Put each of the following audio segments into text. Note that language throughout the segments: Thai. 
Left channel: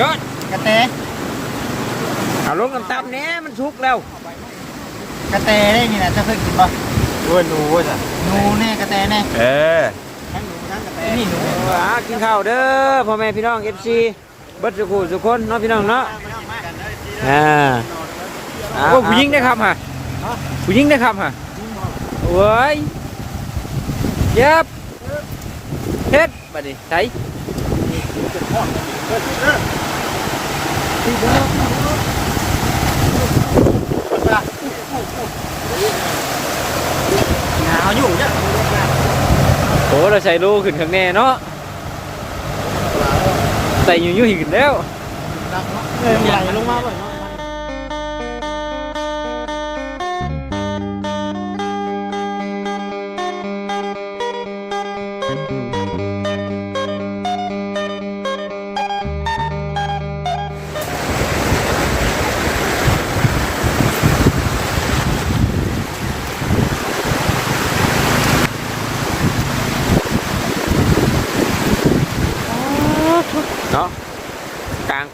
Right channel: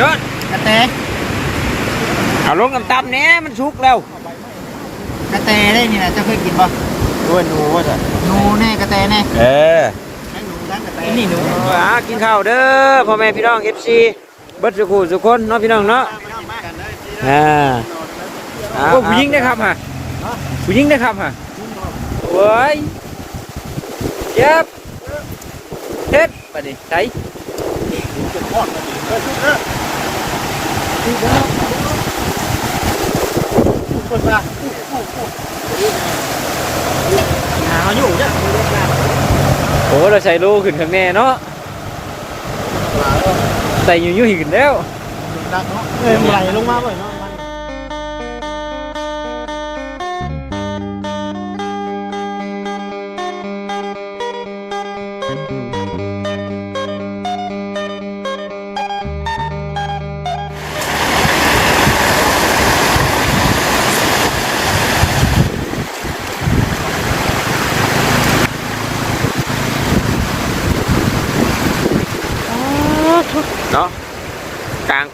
ยอดกระแตเอาลงน้ำตำเนี้ยมันสุกแล้วกระแตได้นี่นะเจะเคยกินบ่โอ้ยหนูว่าจะหนูแน่กระแตแน่เออให้หนูร้านกระแตนี่หนูอ่ากินข้าวเด้อพ่อแม่พี่น้องเอฟซีเบิดสุขุสุขคนเนาะพี่น้องเนาะอ่าเอาโอ้ผู้หญิงได้ครับฮะผู้หญิงได้ครับฮะเว้ยเจ็บเฮ็ดบัดนี้ใส่ โอ้เราใช้ลูกขึ้นข้างแน่เนาะแต่อยู่ยุ่หินแล้วเออใหญ่ลงมาเลย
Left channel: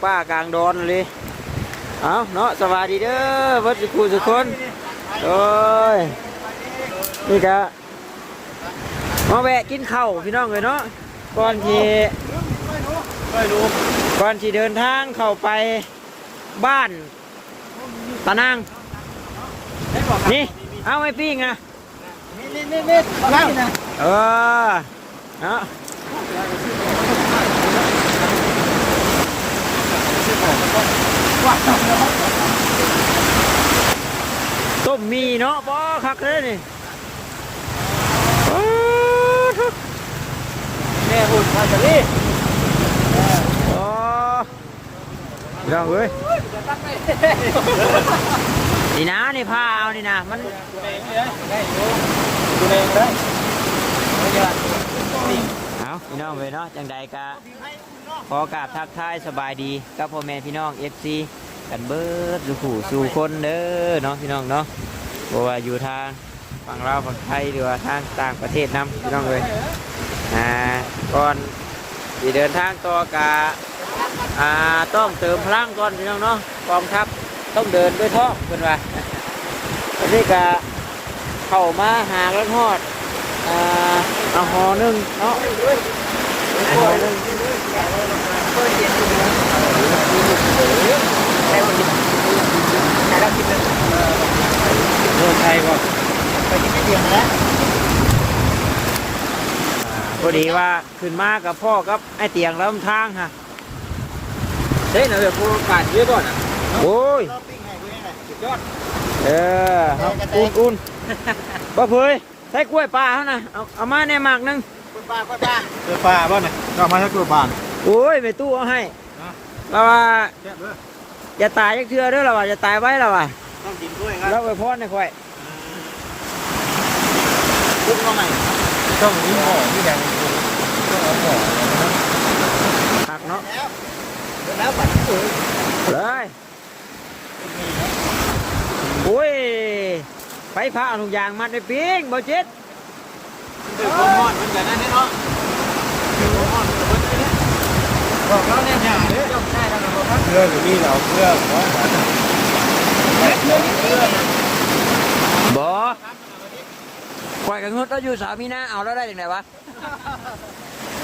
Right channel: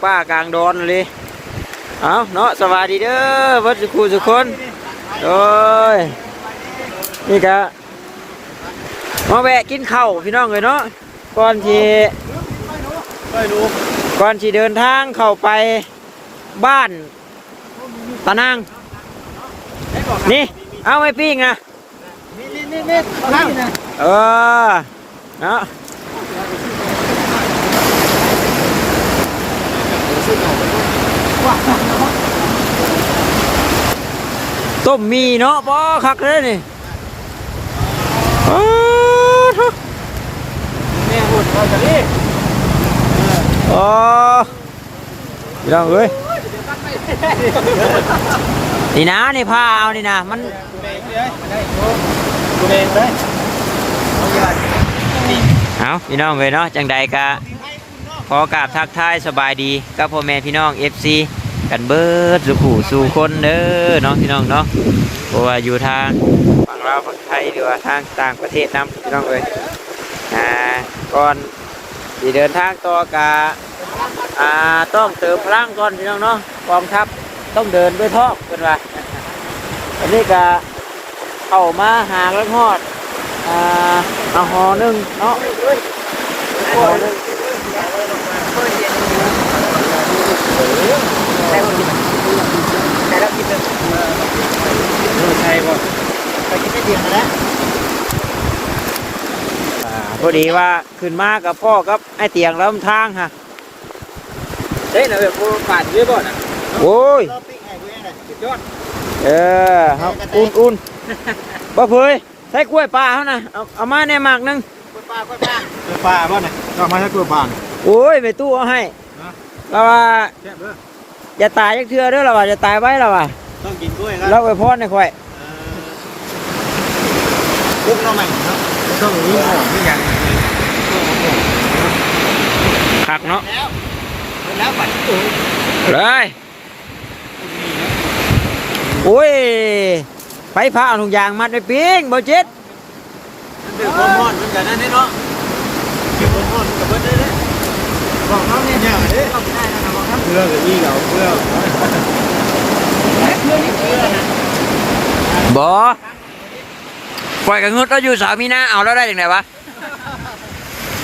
ป้ากลางดอนเลยเอาเนาะสวัสดีเด้อวัดสุขุสุคนโดยนี่กะมาแวะกินข้าวพี่น้องเลยเนาะก่อนที่ก่อนที่เดินทางเข้าไปบ้านตะนางนี่เอาไว้ปิ้งนะนี่นี่นี่นี่นั่งนะ เออเนาะต้มมีเนาะปอคักเลยนี่อ้าวเถอะแม่พูดว่าจะนี่อ๋อพี่น้องเอ้ยนี่นะนี่ผ้าเอานี่นะมันเองเลยเอาพี่น้องเลยเนาะจังใดกะขอกราบทักทายสบายดีกับพ่อแม่พี่น้อง FC กันเบิดสุขูสู่คนเด้อเนาะพี่น้องเนาะเพราะว่าอยู่ทางฝั่งลาวฝั่งไทยหรือว่าทางต่างประเทศนํพี่น้องเลยอ่าก่อนที่เดินทางต่อกะอ่าต้องเติมพลังก่อนพี่น้องเนาะกองทัพต้องเดินด้วยท้องเป็นว่าอันนี้กะเข้ามาหาแล้วฮอดอ่าอาหอหนึ่งเนาะหอหนึ่ง แต่เรากินเลยเมืองไทยก่อนไปกินไม่เดียวมาแล้วอ่าพอดีว่าขึ้นมากับพ่อกับไอ้เตียงแล้วทางฮะเฮ้ยเราแบบโบราณเยอะก่อนโอ้ยรอบปิ้งให้กูยังไงสุดยอดเออครับอุ่นอุ่นบ่เพยใช้กล้วยปลาเขานะเอาเอามาในหมากหนึงคุณป้าคุณป้าเรือปลาบ้านน่ะก็มาให้กลัวบ้านโอ้ยไปตู้เอาให้นะเราว่าแซ่บเด้ ออย่าตายยักเทื่อเด้อเราว่าจะตายไว้เราว่าต้องกินกล้วยครับเราไปพอดในข่อยคุกเราใหม่ต้องรู้หอมนี่ยังหักเนาะแล้วแล้วบัดเออเลยโอ้ยไฟผ้าเอาถุงยางมัดไปปิ้งบ่เจ็ดเดือดร้อนกันแต่นั้นเนาะเดือดร้อนกันแต่นั้นเนาะบอกเขาเนี่ยเนี่ยเด้อ เรือเดี๋ยวนี้เหรอเรือบ่ปล่อยกับเงืดเราอยู่สามีนาเอาแล้วได้ยังไงวะ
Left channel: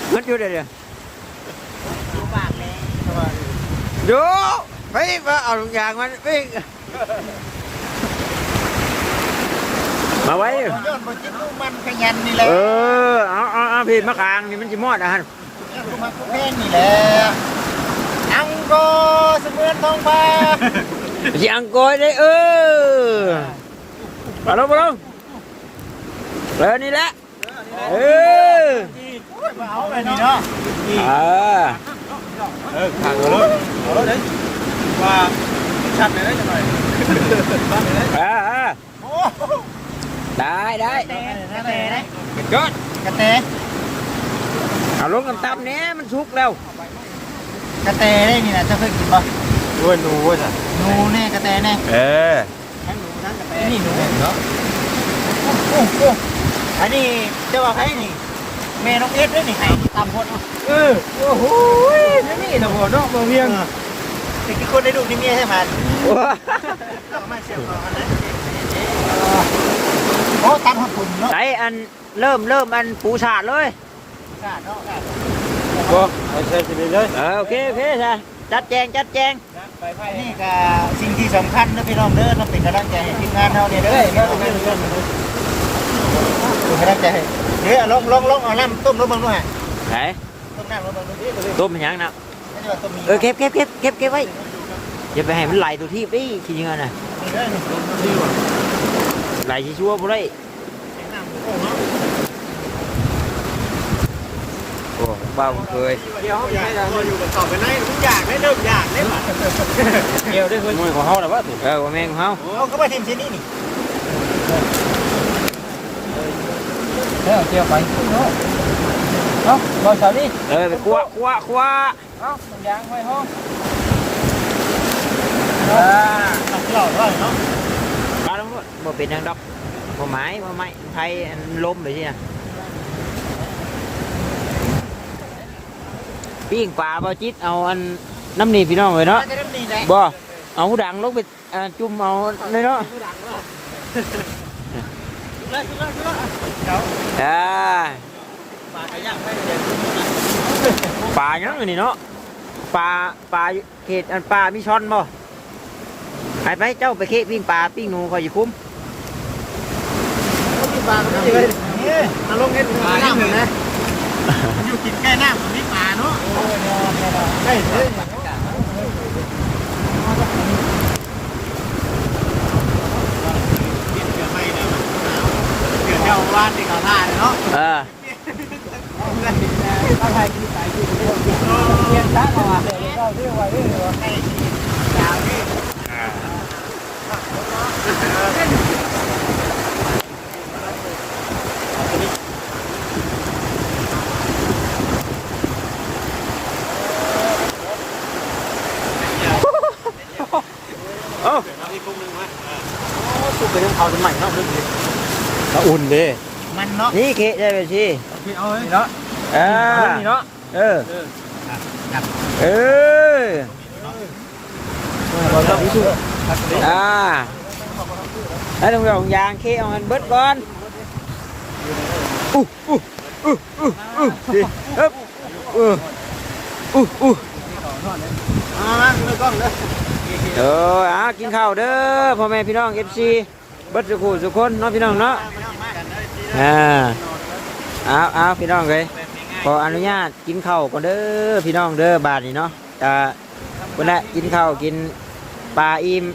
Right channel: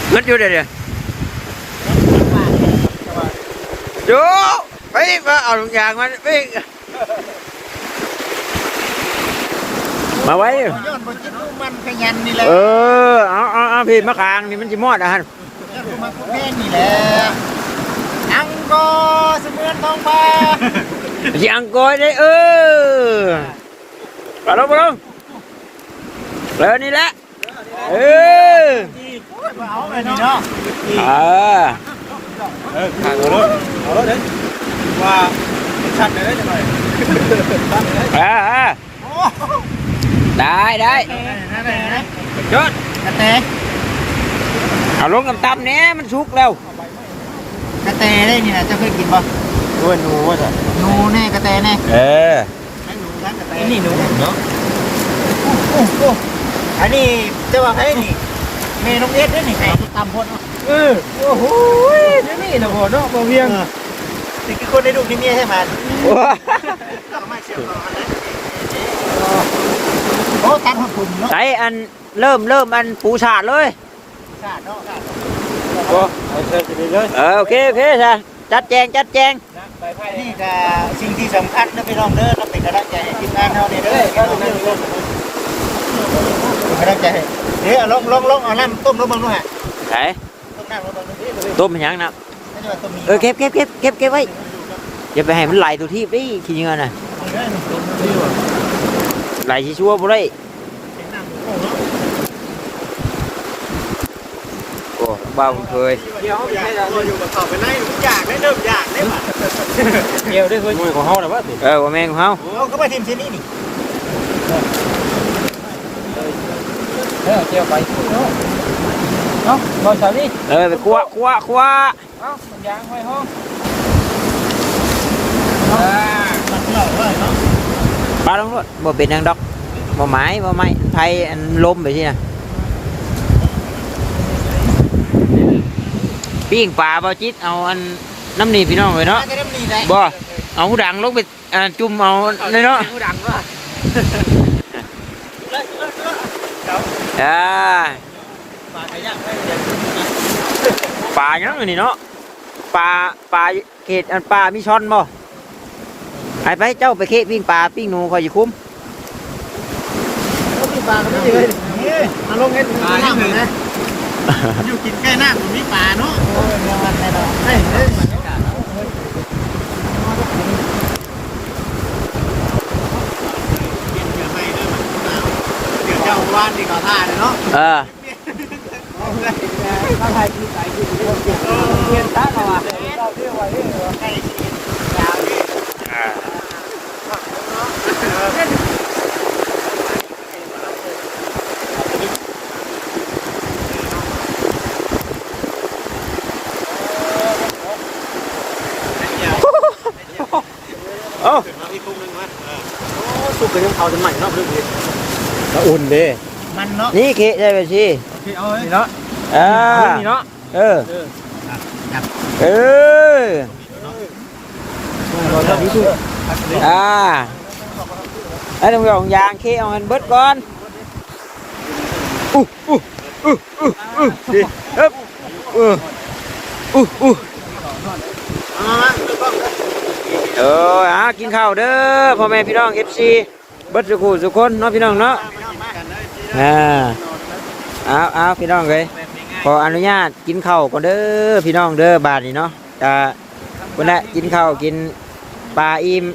เงืดอยู่เดี๋ยวเดี๋ยวดูไปมาเอาถุงยางมันปิ้งมาไว้ย้อนบนจิ้มลูกมันขยันนี่แหละเออเอาเอาเอาพี่มะขางนี่มันจิมอดอะฮะย้อนกูมาพวกแม่นี่แหละ อังโกเสมือนทองฟ้า สิอังกอยได้เออไปลงไปลงเลยนี่แหละ เออ เอาไปนี่เนาะ เออ เออขางเลยเอาเลยว่าชัดเลยทำไม เออเออ โอ้ ได้ได้ นั่นแหละนะ ยอด กระแต เอาลงน้ำตำเนี้ยมันสุกแล้ว กระแตได้นี่นะเจะเคยกินบ่โอ้ยหนูว่าจะหนูแน่กระแตแน่เออให้หนูร้านกระแตนี่หนูเนาะโอ้โหอันนี้จะว่าให้นี่เมน้องเอสได้นี่ไงตำพดเนาะเออโอ้โหนี่นี่นะพ่อเนาะบ่เพียงติดคนได้ดูที่เมียให้มันโอ้ตัดหัวถุ่มเนาะใส่อันเริ่มเริ่มอันปูฉาดเลยชาติเนาะโอ้ เด็ดๆเลยเออโอเคโอเคใช่จัดแจงจัดแจงไปไพ่นี่จะสิ่งที่สำคัญนะพี่น้องเด้อต้องเป็นกำลังใจให้ทีมงานเราเนี่ยเด้อเป็นกำลังใจให้เฮ้ยลองลองลองเอาน้ำต้มลงบังด้วยฮะไหนต้มน้ำลงบังด้วยต้มมันยังนะไม่ใช่ว่าต้มเออเก็บเก็บเก็บเก็บเก็บไว้อย่าไปให้มันไหลตัวที่ไปทีเงินน่ะไหลชิชัวบ่ได้โอ้ บ้าผมเคยเดี๋ยวอยากให้เราอยู่กับต่อไปไหนทุกอย่างได้เริ่มอยากได้หมดเกี่ยวได้เฮ้ยมวยของเฮาน่ะว่าถูกเออว่าแม่งของเขาเราก็มาทีมชิ้นนี้นี่แม่เกี่ยวไปเนาะเนาะบ่สานี่เออไปคั่วคั่วคั่วเอ้าตรงยางไว้ห้องอ่าปลาลงรถบ่เป็นนางดอกบ่ไม้บ่ไม้ไทยอันล้มไปที่น่ะ ปิ้งปลาบ่จิตเอาอันน้ำนี่พี่น้องเลยเนาะจะเริ่มดีไหมบ่เอาหูดังลงไปอ่าจุ่มเอาเลยเนาะผู้ดังว่าอ่าปลายังอันนี่เนาะปลาปลาเขตอันปลามีช้อนบ่ไปไปเจ้าไปเคะปิ้งปลาปิ้งหนูคอยอยู่คุ้มปลาไม่เลยนี่มาลงเนี่ยปลายังเลยนะ อยู่กินใกล้น้ำมันมีปลาเนาะโอ้ยงานนะดอกเฮ้ยเฮ้ยเจ้าว่านที่เขาท่าเนาะเออเขาไทยที่ใจที่เรียนช้ามาเจ้าที่ไว้เลยว่าใกล้ชิดยาวที่ สุกไปของเขาสมัยเนาะอุ่นเด้มันเนาะนี่เคะได้ไปสิที่เอาไว้เนาะอ่านี่เนาะเออเออบ่สานี่สุกอ่าไอ้ตรงยองยางเคะเอามันเบิดก่อนอู้อู้อู้อู้อู้ดิอึ๊บอู้อู้อู้เอออะกินข้าวเด้อพ่อแม่พี่น้อง FC เบิดสุขุสุกคนเนาะพี่น้องเนาะอ่าเอาเอาพี่น้องเลยขออนุญาตกินข้าวก่อนเด้อพี่น้องเด้อบาทนี่เนาะอ่าคนละกินข้าวกินปลาอิ่ม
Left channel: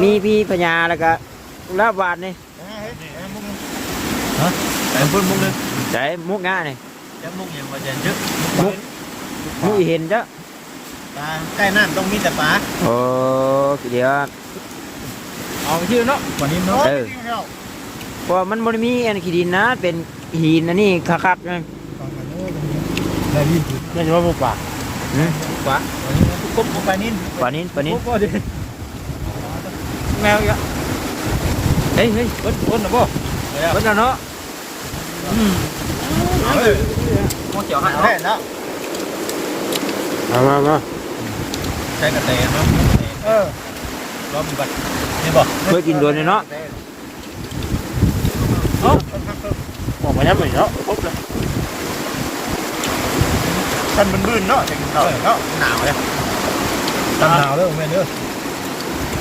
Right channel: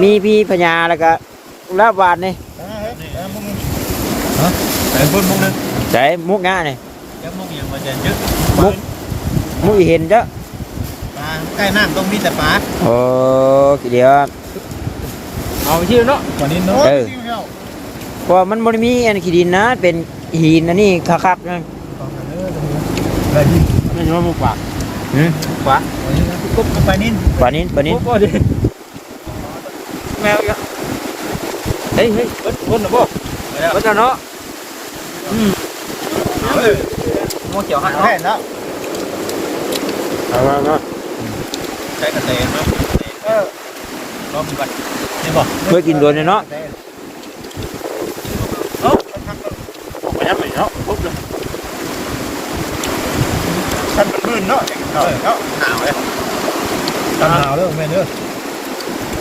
มีพี่พญาแล้วก็ลาบบาทนี่แต่เพิ่นมุงนึงใส่มุกง่านี่จะมุงอย่างบ่จะเยอะมุกมุกอีเห็นเด้อปลาใกล้น้ำต้องมีแต่ปลาโอ้เดี๋ยว เอาชื่อเนาะวันนี้เนาะเออเพราะมันบริมีอันขี้ดินนะ เป็นหินอันนี้คักๆนั่นได้ยินไม่ใช่ว่ามุกปากหืมมุกปากวันนี้นะปลานิ่นปลานินปลานินมุกบ่ดิแมวอีกเฮ้ยเฮ้ยรถรถน่ะบ่รถน่ะเนาะอืมเอาเลยมุกเกี่ยวหันแท้เนาะใช้กระเตนมั้งเออรอมบัด นี่บ่เคยกินโดนเนาะไปนะไปเนาะท่านมันบื้นเนาะเออเนาะหนาวเลยตันหนาวเลยแม่เด้อ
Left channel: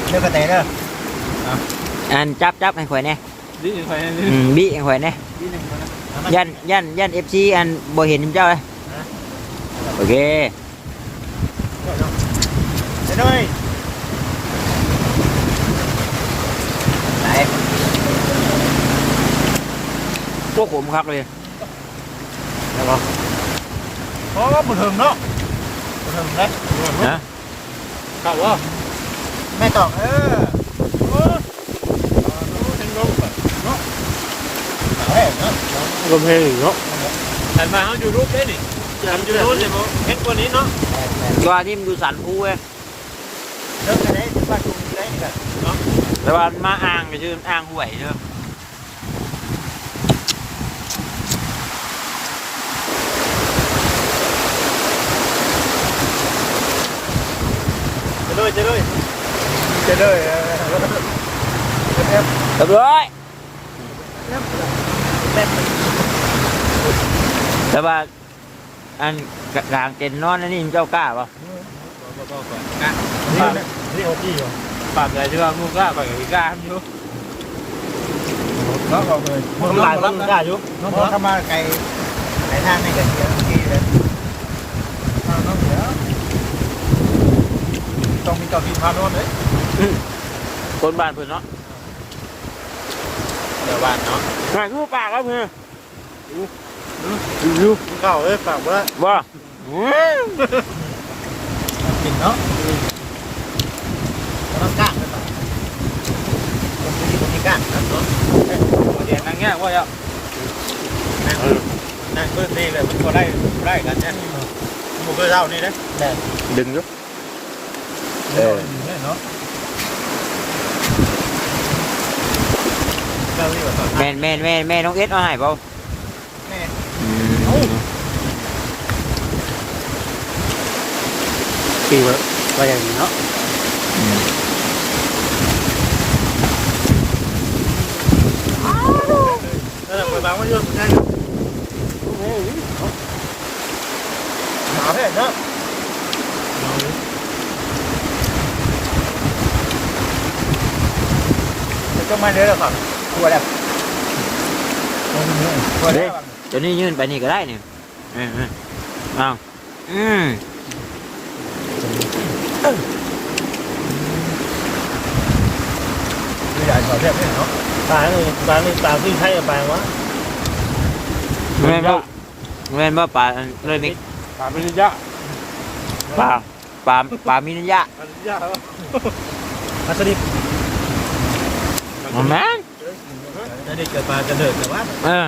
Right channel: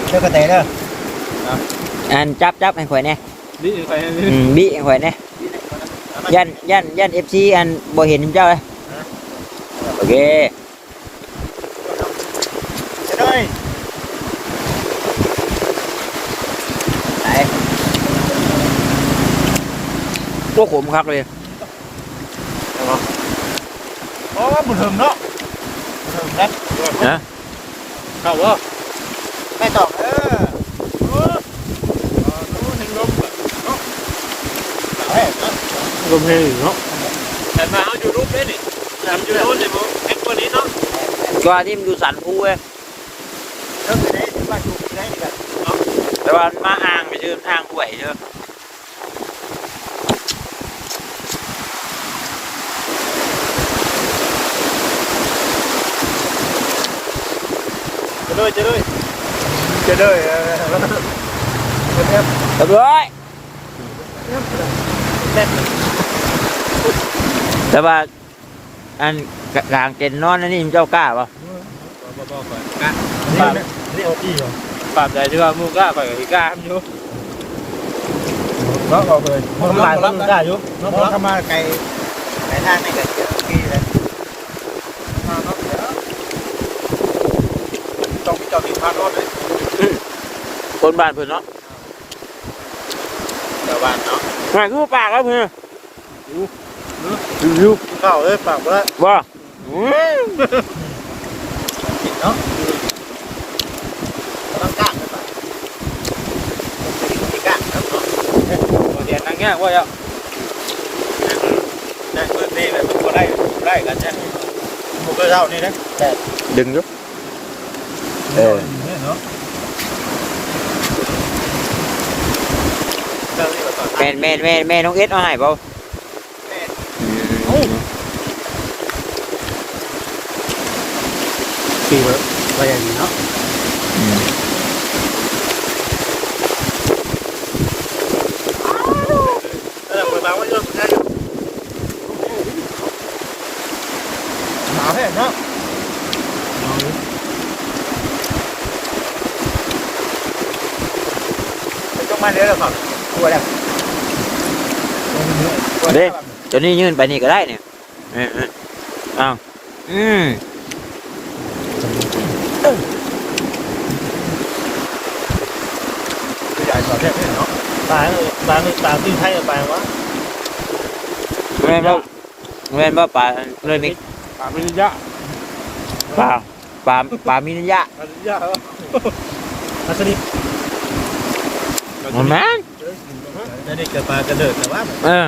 เด้อกระเตะเด้ออันจับจับให้ข่อยแน่นี่ใครนี่อืมบีให้ข่อยแน่ยันยันยันเอฟซีอันบ่เห็นเจ้าเลยโอเคเด้อเลยไหน พ วกผมคักเลยโอ้บุญถึงเนาะบุญถึงนะนะข้าวว่าไม่ตองเออถึงลมอะหนาวแท้เนาะลมแห้งเนาะแต่มาเอาอยู่รูปได้นี่ยำอยู่โน่นเลยมั้งเอ็กกว่านี้เนาะว่าที่มันอยู่สันภูเว้ยเด้อกระเตะบ้านอยู่ไหนกันแต่ว่ามันมาอ่างไปชื่ออ่างห่วยเชื่อ เลยจะเลยจะเลยเออแล้วก็ครับเรียบร้อยแต่ว่าอันกลางเต็นท์นอนนั่นนี่เจ้ากล้าป่ะบ่บ่ก่อนนะนี่นี่เอาที่เหรอปรับใจที่ว่ามูกล้าไปกับกล้าอยู่ร้องออกเลยมันลายมันได้ยุมันเข้ามาไกลไกลทางนี่กันเยอะที่เลยมาครับเดี๋ยว ต้องมีเจ้าที่พานอนเลยคนบ้านเพื่อนเนาะเจ้าบ้านเนาะแม่คือปากแล้วเพื่อนอยู่เข้าเลยฝากว่าว่าต้องกล้าไปป่ะกล้าครับเนาะเดี๋ยวนั่งแง่ว่าอะนั่งพื้นนี่แบบมันก็ได้ได้กันใช่ไหมหมูกระเจ้านี่นะแบบดึงอ ยู่เออเนาะเจ้านี่ว่าตอนแม่นแม่นแม่นแม่น้อ งเอสเอาให้เปล่าปีเลยไปอย่างนี้เนาะเออเปิดมาว่าเยอะนั่นหนาวแท้เนาะหนาวเลยต้องมาเนื้อก่อนตัวแล้วตัวแล้วเดี๋ยวนี้ยื่นไปนี่ก็ได้เนี่ยเออเอออ้าวอืมใหญ่สอดแทบไม่เนาะตาเนี่ยตานี่ตาที่ใช้ไปวะแม่นบ่แม่นบ่ปลาเลยมิกถามวิญญาปลาปลาปลามินยะวิญญาแล้วมาสดิบ มันแม่นจะได้เจอปลากระเดิดแต่ว่าเออ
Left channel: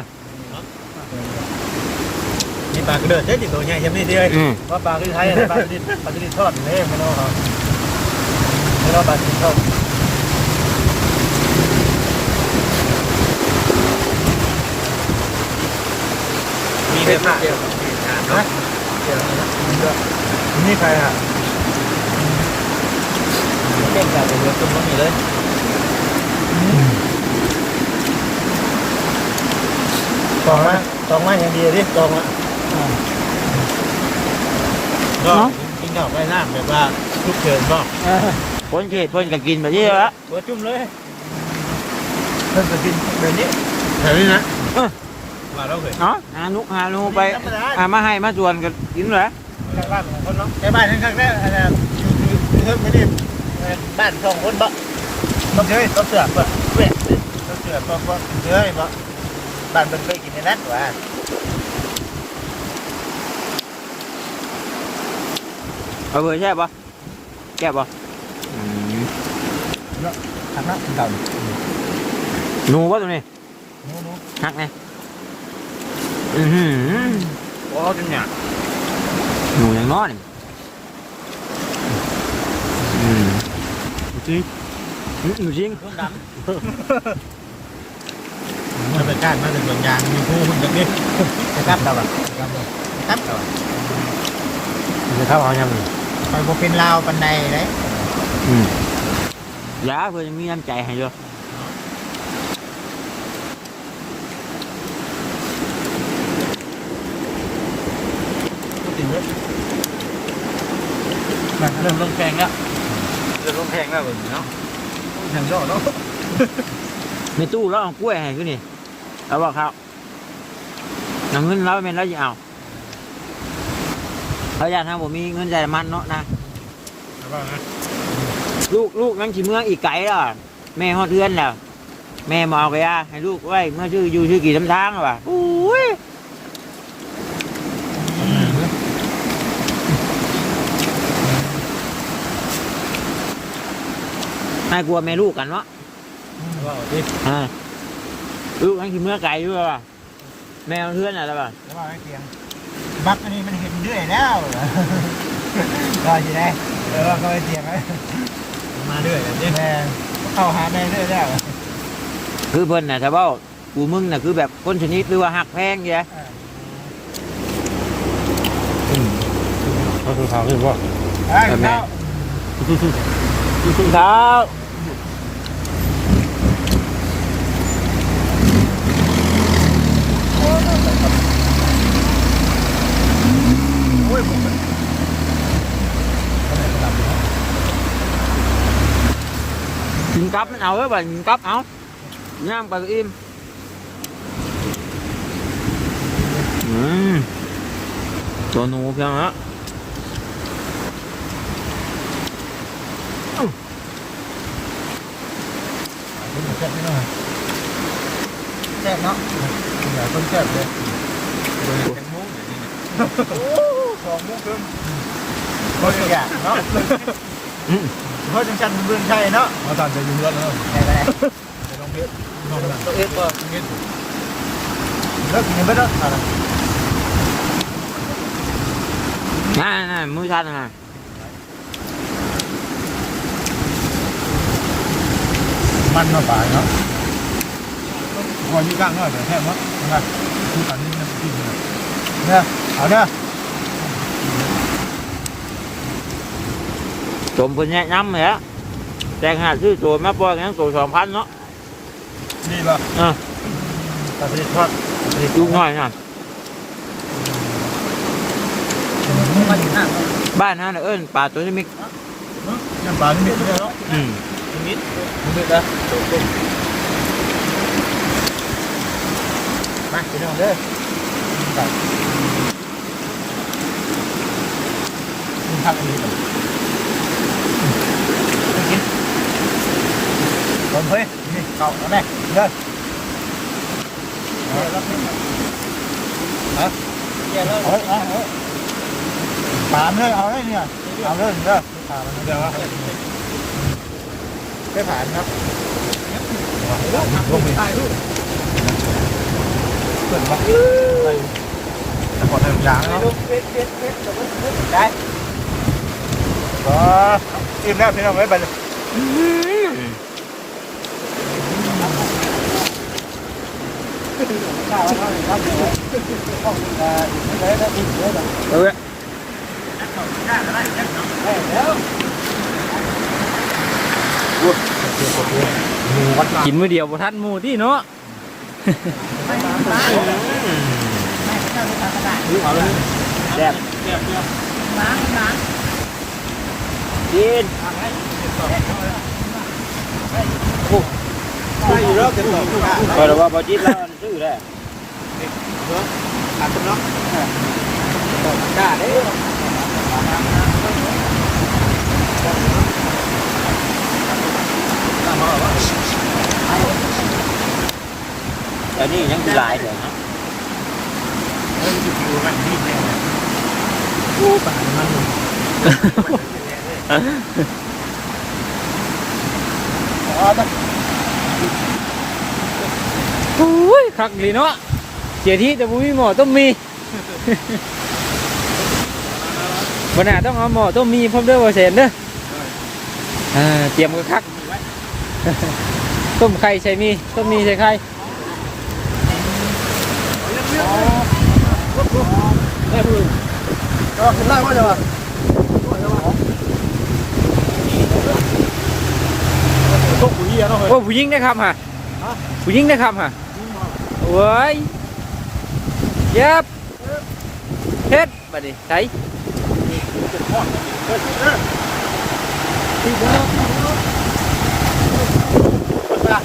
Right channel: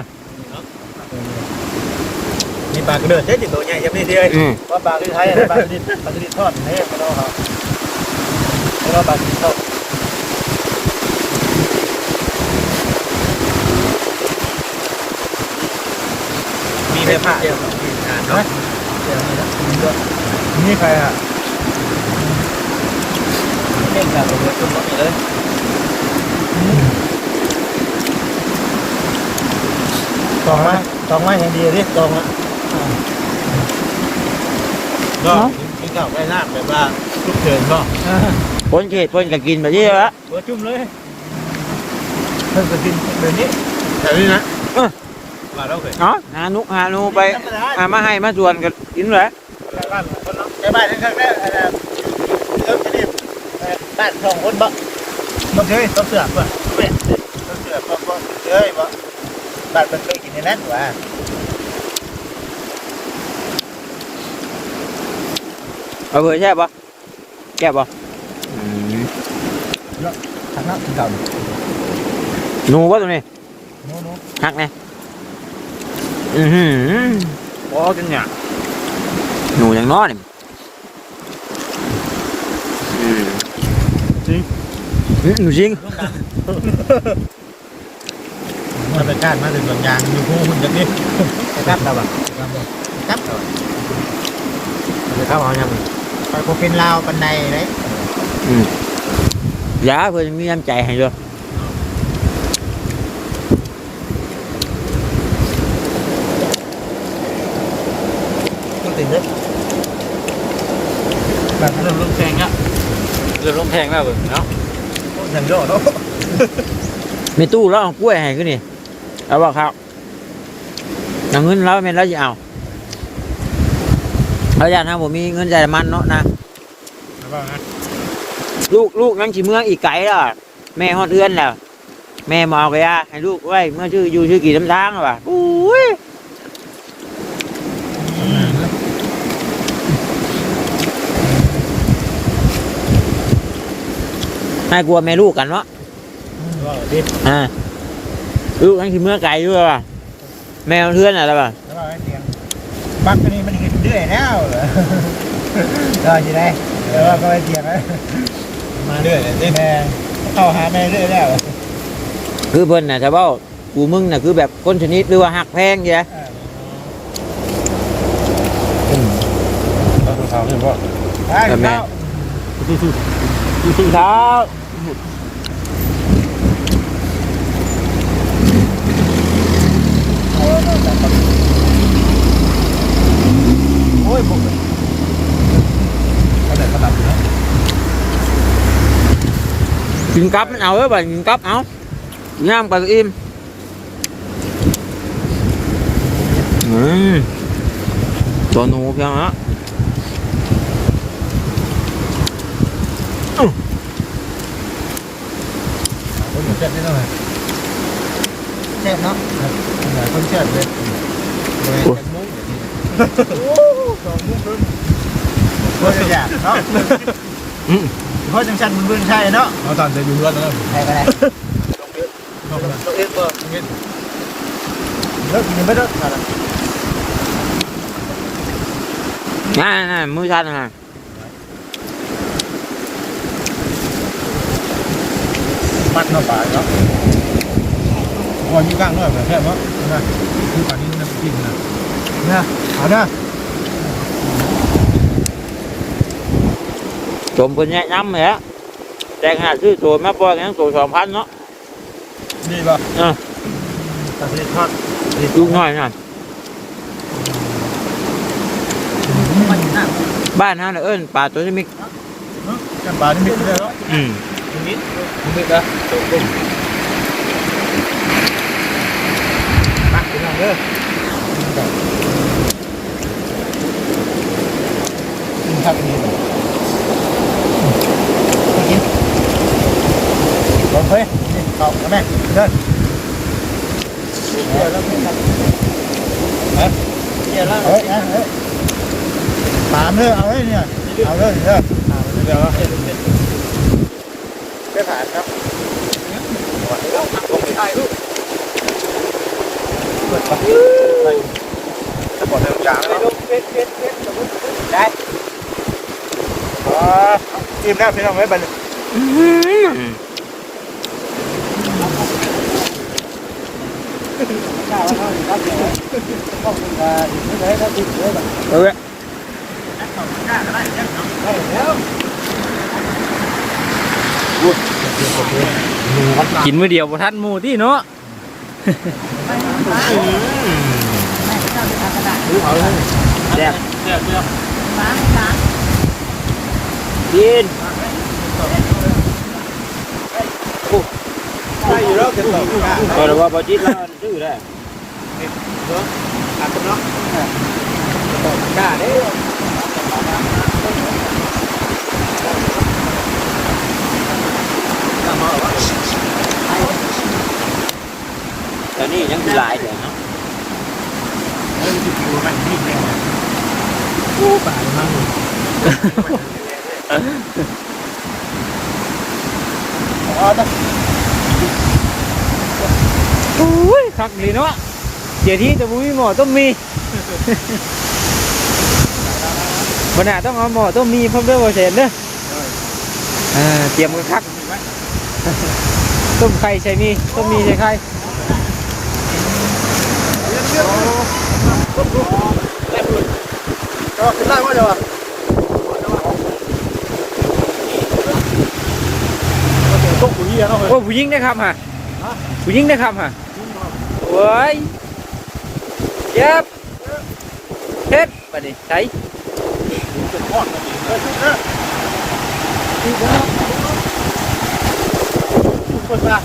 มีปลากระเดิดใช่จิตตัวใหญ่ยังไม่ได้เลยอืมว่าปลาที่ใช้ปลากระดิบปลากระดิบทอดเนี่ยไม่รู้เขาไม่รู้ปลากระดิบทอดมีเนื้อผ้าเดียวเนาะนี่ใครอะเล่นกับตัวเรือตุ้มมีเลย ตองมาตองมาอย่างเดียวดิตองก็กินข้าวใกล้น้ำแบบว่าทุกเชิญก็คนเขตคนก็กินแบบนี้แล้วเดี๋ยวจุ่มเลยเพิ่งจะกินเดี๋ยวนี้แถวนี้นะเออมาแล้วเคยเนาะหานุกหานูไปอ่ามาให้มาชวนก็กินเลยบ้านคนเนาะในบ้านทั้งๆแม่อะไรเออประเดี๋ยวบ้านสองคนบ่มั นเฮ้ยเขาเสือกบ่เป๊ะเขาเสือกบ่บ่เฮ้ยบ่บ้านมันเคยกินในนั้นว่ะเอาเบอร์แช่บปะแก่บปะอืมทางนั้นกินข้าวดิหนูปะตรงนี้โน้โน้หักไงอือหือโอ้จนหยาหนูอย่างน้อยนี่อืมจริง หนูจริงธรรมชาติมาเป็นส่วนกลางมีผู้หุ่นจะเรียกจะทับเราอะทับเราทับเราจะทำเอายังไงไปบ่เป็นลาวปันใดเลยอืมยาเพื่อนมีน้ำใจให้ด้วยพูดถึงเนี่ยแบบเริ่มแพงแล้วเริ่มแพงแล้วเบิ่งเนาะ อย่างย่อแล้วมีตู้แล้วเอากล้วยให้ขึ้นนี่เอาบอกครับเอาเงินแล้วแม่นแล้วจะเอาเอาอย่างนะผมมีเงินใจายมันเนาะนะแล้วก็นะลูกลูกนั่งขี่เมืองอีกไกลแล้วแม่ฮอดเอื้อนแล้วแม่มาเอากระยาให้ลูกไว้เมื่อชื่ออยู่ชื่อกี่ลำทางหรอวะอุ้ ให้กลัวแม่ลูกกันเนาะแล้วก็ดิบอ่าลูกนั่งขี่เมืองไกลด้วยว่ะแม่เพื่อนอะไรป่ะแล้วก็ไอ้เตียงบักตัวนี้มันเห็นเรื่อยแล้วเหรอก็จะได้แล้วก็ไอ้เตียงนะมาเรื่อยดิแม่เข้าหาแม่เรื่อยแล้วคือเพิ่นน่ะจะเบ้ากูมึงน่ะคือแบบคนชนิดหรือว่าหักแพงใช่ไหมก็คือเขาคือว่าไอ้เขาครับโอ้ยบอกเลยเขาไหนเขาดับอยู่เนาะกินกับมันเอาเอ้ยบ่กินกับเอาย่างไปก็อิ่มอืมตัวหนูเพียงฮะคนหมูแซ่บนิดหน่อย แซ่บเนาะหลายคนแซ่บเลยเบอร์เป็นมุ้งเดี๋ยวนี้โอ้สองมุ้งครึ่งเพราะอยากเนาะอืมเพราะจังชันมันเบื้องใช่เนาะเอาตามใจอยู่ล้วนเลยใช่ไปไหนลองเลือกลองตัวเอฟก็เงินเลิกยังไม่เลิกอะไรนั่นนั่นมือชันฮะมันมาป่าเนาะ อ๋อนี่กลางเนาะแต่แค่ว่านะคือตอนนี้มันกินนะเนี่ยเอาเนาะจมคนแนะนำเลยฮะแต่งหาซื้อตัวมาปล่อยงั้นตัวสองพันเนาะดีป่ะอะตัดสินครับลูกน้อยน่ะมันอยู่หน้าบ้านฮะน่ะเอิ้นป่าตัวนี้มิกนั่นป่านี่มีเยอะอืมมึงดึกนะจบปุ๊ บตักไปหน่อยเด้อตักทักนี้ต่อกินลงเฮ้ยนี่เข้าแม่เด้อเดี๋ยวแล้วไม่ตักเฮ้ยเดี๋ยวแล้วเฮ้ยเฮ้ยปามเลยเอาเลยเนี่ยเอาเลยเด้อเอาเลยเดี๋ยวได้ผ่านเนาะลงเลยเกิดมาอะไรจะปลอดภัยยางแล้วได้อ๋ออิ่มแล้วพี่น้องไว้ไปเลยอื้อหือข้าวข้าวข้าวเดี๋ยวข้าวมันจะไม่ได้ถ้าอิ่มเลยแบบเอเว้ยวกินมื้อเดียวบ่ทันหมู่ที่เนาะ เอาเลยแซ่บเดี๋ยวเดี๋ยวกินไม่เย อะเป็นก็รู้ว่าบ่จิตแล้วมันซื้อได้ขาดตรงเนาะกล้าได้กล้ามาว่าแต่นี่ยังสิหลายเด้อเนาะผู้ป่ามันอ๋อโอ้ยคักดีเนาะเดี๋ยวที่จะบ่มีหมอต้องมีบ่น่าต้องเอาหมอต้องมีพร้อมด้วยบ่เสร็จเด้ออ่าเตรียมมือพักต้มไข่ใส่มีต้มมีใส่ไข่ ออคุณได้ว่าเดี๋ยวพวกผู้หญิงเนาะโอ้ผู้หญิงนะครับฮะผู้หญิงนะครับฮะโอ้ยเจ็บเฮ็ดบัดนี้ใส่คนละ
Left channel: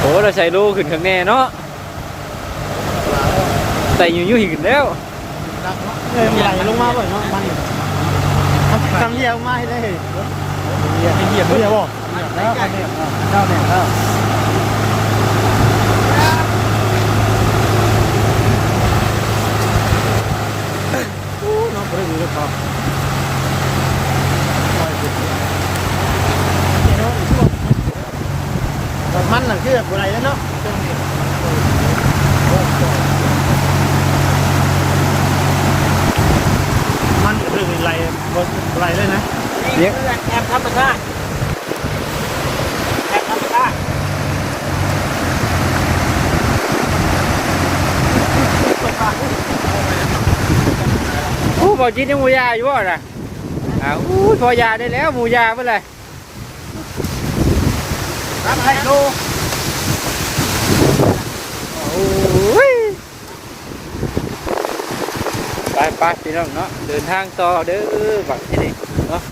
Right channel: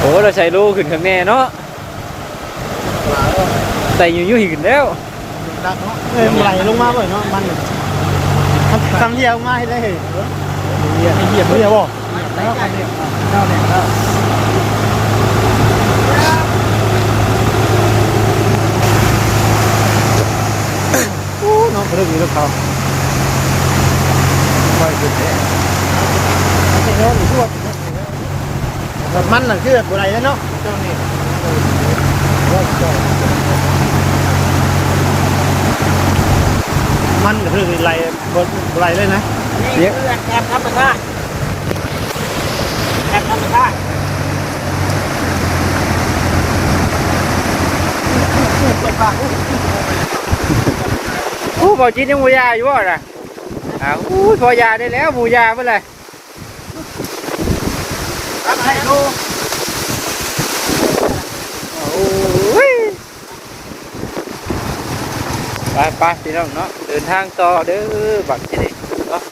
โอ้เราใส่โลขึ้นข้างแน่เนาะ ใส่อยู่ยู่ขึ้นแล้วเออมีหลังลงมาเลยเนาะนั่งอยู่ทำเยี่ยวง่ายเลยเหยียบเหยียบเยี่ยวบ่โอ้น้องเพิ่งมีลูกค้ามันหลังคือแบบอะไรแล้วเนาะ มันก็คือไรบนไรเลยนะ นี่คือแอบธรรมชาติแอบธรรมชาติ บ่จิตยังหมูยาอยู่บ่ล่ะอ้าวอู้พอยาได้แล้วหมูยาเมื่อไรร่ตามให้ดูโอ้ยไปไปพี่น้องเนาะเดินทางต่อเด้อบัก